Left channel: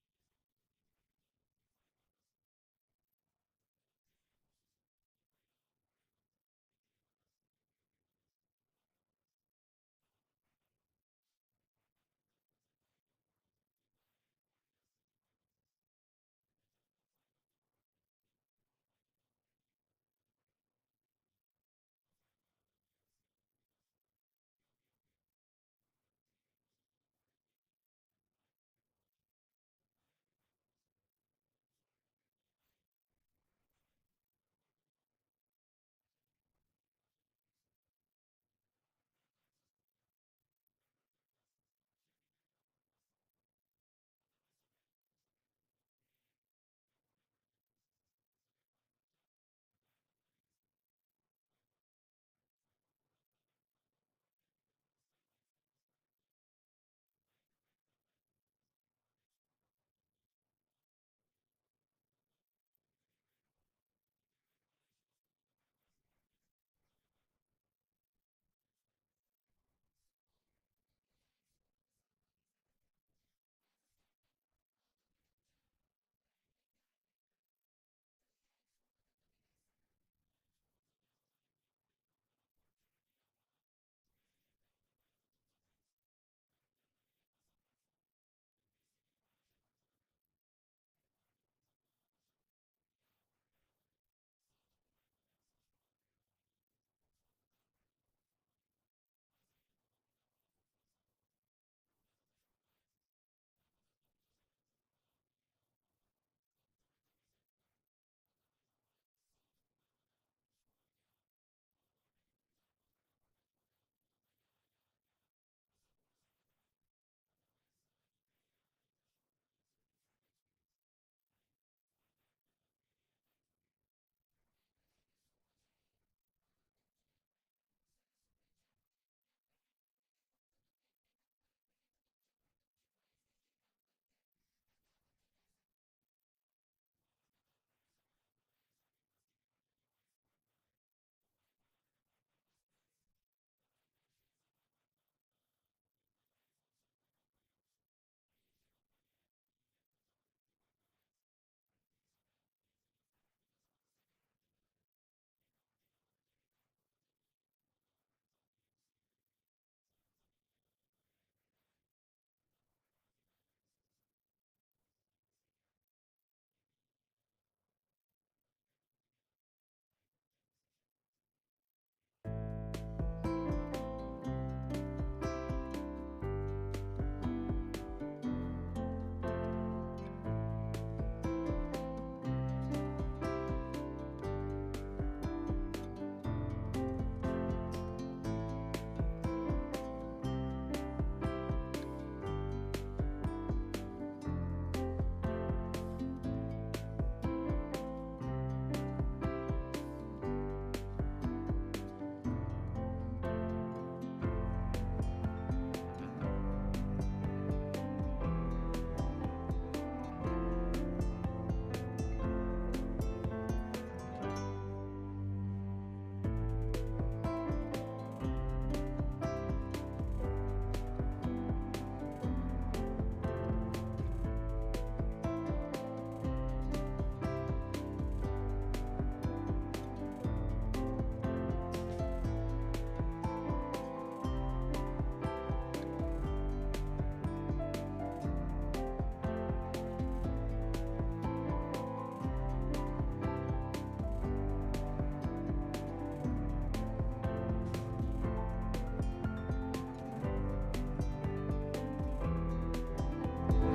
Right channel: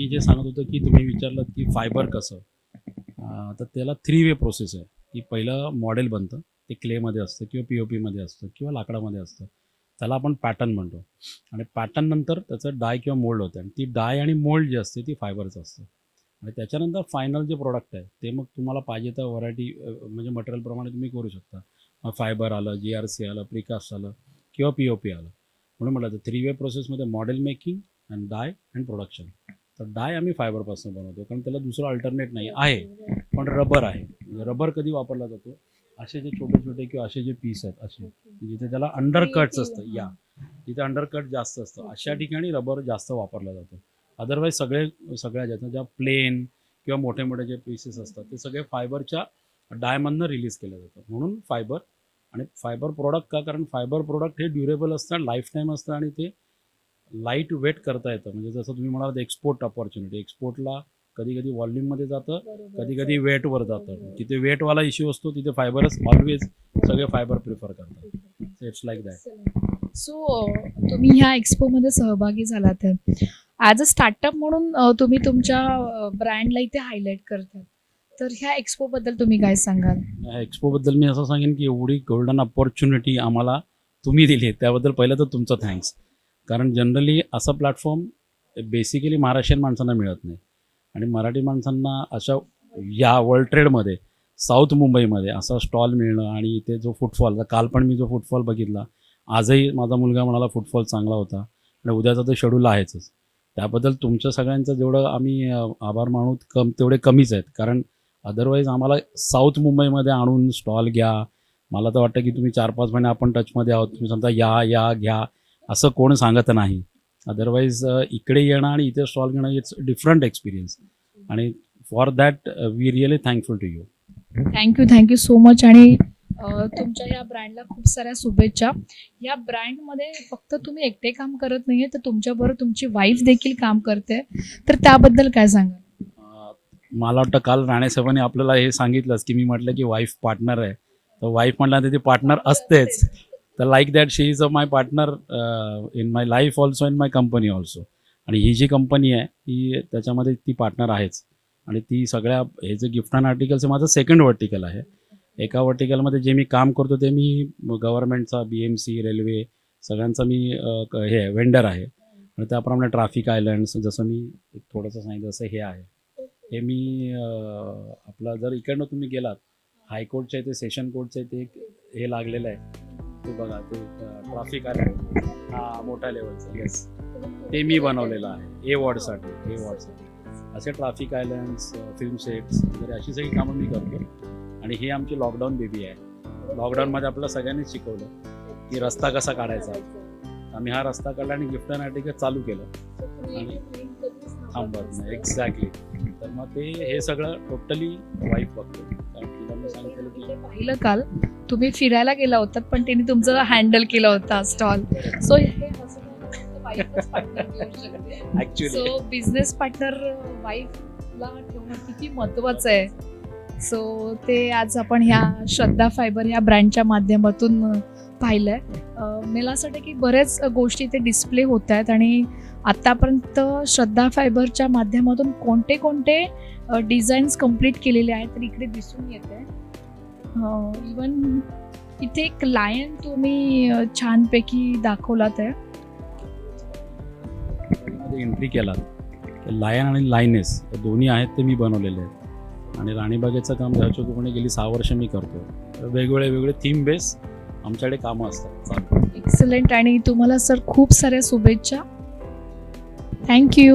मी जे सांगत होतो की तुम्ही विचारलं की फायबर कसं, तर त्याला 3 वे प्रोसेस आहे. की पहिलं मॉडेल बनतं, ते क्लेमध्ये असतं किंवा POPमध्ये असतं किंवा लाकडामध्ये असतं. त्याला आपण पॅटर्न म्हणतो आणि पॅटर्न नंतर त्याचं डाय किंवा मोल्ड होतं आणि ती डाय आणि मोल्ड जी असते ती फायबरचं असतं आणि त्याच्यानंतर फायनल जे प्रॉडक्ट आहे ते मग तुम्हाला पाहिजे तर व्हरायटी म्हणजे मटेरियलप्रमाणे तुम्ही करू शकता. मग फायबर आलं, GRC आलं, प्रिकास्ट आलं किंवा POP आलं. म्हणून म्हटलं तर 3 वे प्रोसेसमध्ये model making and die and production. तर डाय आम्ही फायबरपासून बनवतो कारण त्याला दुसरं अल्टरनेट नाही आहे, पण रबर आहे. रबर कधी वापरला जातो, असे जे छोटे छोटे किंवा असे जे पीस आहेत असे जिथे त्याला अंडरकट्स असतं, या जिथे अंडरकट जास्त असतं अशा ठिकाणी रबर जास्त वापरला जातो. अदरवाईज सगळ्या ज्या प्लेन किंवा मोठे मोठे जे पीसेस असतात ते सगळे फायबरच्या डायमधनं रिलीज केलं जातं. म्हणून फायबर आणि फायबर प्रोडक्ट का, कारण फायबर प्रोडक्ट हे ड्युरेबल असतं, लाईफ टाईम असतं आणि ते लाईट वेट करता येतं. म्हणजे जसं तुम्ही म्हणालात एक्सपोर्ट अपॉर्च्युनिटी, एक्सपोर्टला कधी कधी व्हॉल्यूममध्ये जातं, कधी कधी वेटवर जातं. जिथे वेटवाला इश्यू असतो तिथे फायबरच ऑलवेज सगळे फायबर प्रिफर करतात. It's like that. सो तुम्ही ह्या एक्सपोमध्ये सहभागी झालात ॲज अ स्टार्टअप म्हणून, तुम्ही तुमच्या ब्रँडला इथे हायलाईट करतात. तर ह्या एक्सपोबद्दल तुम्ही काय सांगाल? ह्या एक्सपोबद्दल मी असं सांगेन की एवढी गोल्डन अपॉर्च्युनिटी आम्हाला तुम्ही दिली आहे त्याबद्दल पहिलं तर तुमचं थँक्स. कारण जनरली असा प्लॅटफॉर्म बेसिकली महाराष्ट्रीयन माणसांना मिळत नाही आणि मराठी माणसांना अशा या वर्ल्ड ट्रेडमध्ये साऊथ मुंबईमध्ये असा स्टॉल मिळणं आणि इथे जो फुटफॉल, काल पण मी जो फुटफॉल बघितला, आजही माझा मुलगा म्हणाला फुटफॉल चांगला होता आणि उद्याचा तर शेड्यूल आहेच. त्याबद्दल तुमच्या सगळ्यांचं जेवढं आम्ही आभार मानू तेवढे कमीच आहेत. कारण अदरवाईज आम्हाला साऊथ मुंबईमध्ये आणून स्टॉल घ्या, मला तर वाटतं की तुम्ही 4-5 महिने आपण टचमध्ये आहोत, तुम्ही समजा या घ्या असं कोण सांगत नाही. अदरवाईज इकडे येणं आणि इथे स्टॉल घेणं इट्स डिफरंट एक्सपिरियन्स आणि for that we really thankful to you. Thank you so much. आणि तुमच्या या ब्रँडला खूप साऱ्या शुभेच्छा. या ब्रँडमध्ये फक्त तुम्ही एकटे काम करत नाहीये, तर तुमच्याबरोबर तुमची वाईफ देखील काम करते, तर त्याबद्दल काय सांगाल? मला वाटतं काल राणे साहेबांनी आपल्याला हे सांगितलंच की मी म्हटलं की वाईफ पार्टनर आहे, तर वाईफ म्हटल्यानंतर ती पार्टनर असतेच. तर like that she is a my partner in my life also, in my company also. आणि ही जी कंपनी आहे ही त्याच्यामध्ये ती पार्टनर आहेच. आणि ती सगळ्या हे जे गिफ्ट अँड आर्टिकल्स माझं सेकंड वर्टिकल आहे. एका वर्टिकलमध्ये जे मी काम करतो ते मी गव्हर्नमेंटचा, BMC, रेल्वे सगळ्यांचा मी हे वेंडर आहे. आणि त्याप्रमाणे ट्रॅफिक आयलंड्स, जसं मी थोडंसं सांगितलं तसं हे आहे. हे मी आपला जर इकडनं तुम्ही गेलात हायकोर्टच्या इथे, सेशन कोर्टच्या इथे एक हे लागलेलं आहे, ते बघा, ते ट्रॅफिक आयलंड, हां मोठ्या लेवलचं, येस, ते मी बनवलेलं आहे A वॉर्डसाठी. असे ट्रॅफिक आयलंड्स, फिल्म सेट्स वगैरे अशी सगळी कामं मी करतो. आणि ही आमची लॉकडाऊन बेबी आहे. लॉकडाऊनमध्ये आपल्याला सगळ्यांनीच शिकवलं की रस्ता कसा काढायचा. आम्ही हा रस्ता काढला आणि गिफ्ट अँड आर्टिकल चालू केलं आणि थांबत नाही. एक्झॅक्टली. तर मग ते हे सगळं टोटली वाईफ बघतो. पाहिलं काल तुम्ही फिरायला गेला होतात, पण त्यांनी तुमचं हँडल केला होता stall. So actually business partner वाईफला ठेवणं किती महत्त्वाचं आहे. सो ते आज आपण ह्या श्रद्धा फायबर या ब्रँडच्या माध्यमातून पाहिलं आहे. मला असं वाटतं की बऱ्याच गोष्टी इथे डिस्प्ले होत आहेत आणि आत्तापर्यंत श्रद्धा फायबरच्या माध्यमातून कोणते डिझाईन्स कंप्लीट केलेले आहेत तर इकडे दिसून येत आहे. इवन इथे एक लायन तुम्ही छानपैकी दाखवलात आहे. एंट्री केला, लायन आणि लायनेस दोन्ही आहेत ते मी बनवलेले आहेत. आणि राणीबागेचं काम ह्याच्याकडून गेली 6 वर्ष मी करतो. वेगवेगळे थीम बेस आमच्याकडे कामं असतात. एक्सलंट. आणि तुम्हाला सर खूप साऱ्या शुभेच्छा. थँक्यू.